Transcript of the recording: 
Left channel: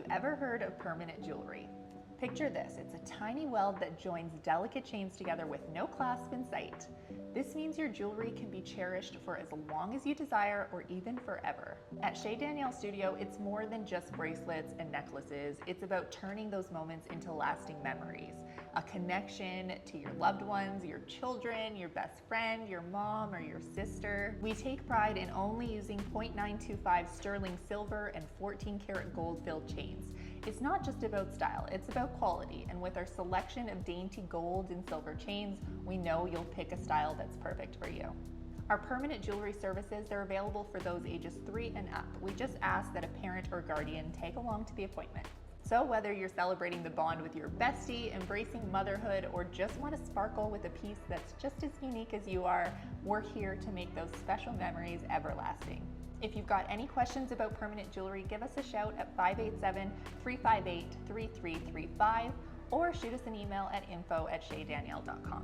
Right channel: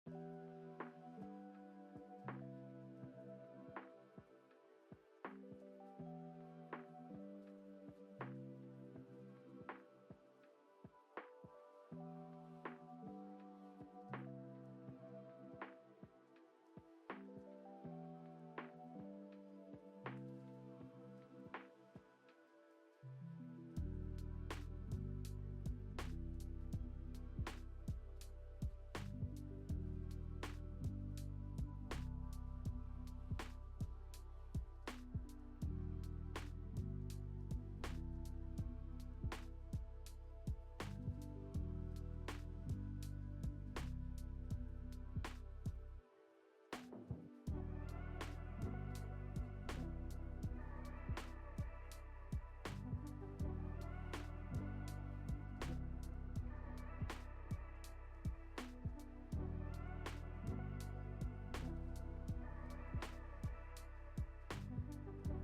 you ever heard of permanent jewelry? Picture this, it's a tiny weld that joins delicate chains together with no clasp in sight. This means your jewelry can be cherished for as long as you desire or even forever. At Shay Danielle Studio, it's more than just bracelets and necklaces. It's about turning those moments into lasting memories. A connection to your loved ones, your children, your best friend, your mom, or your sister. We take pride in only using 0.925 sterling silver and 14 karat gold filled chains. It's not just about style, it's about quality. And with our selection of dainty gold and silver chains, we know you'll pick a style that's perfect for you. Our permanent jewelry services, they're available for those ages 3 and up. We just ask that a parent or guardian tag along to the appointment. So whether you're celebrating the bond with your bestie, embracing motherhood, or just want to sparkle with a piece that's just as unique as you are, we're here to make those special memories everlasting. If you've got any questions about permanent jewelry, give us a shout at 587-358-3335 or shoot us an email at info@shaydanielle.com.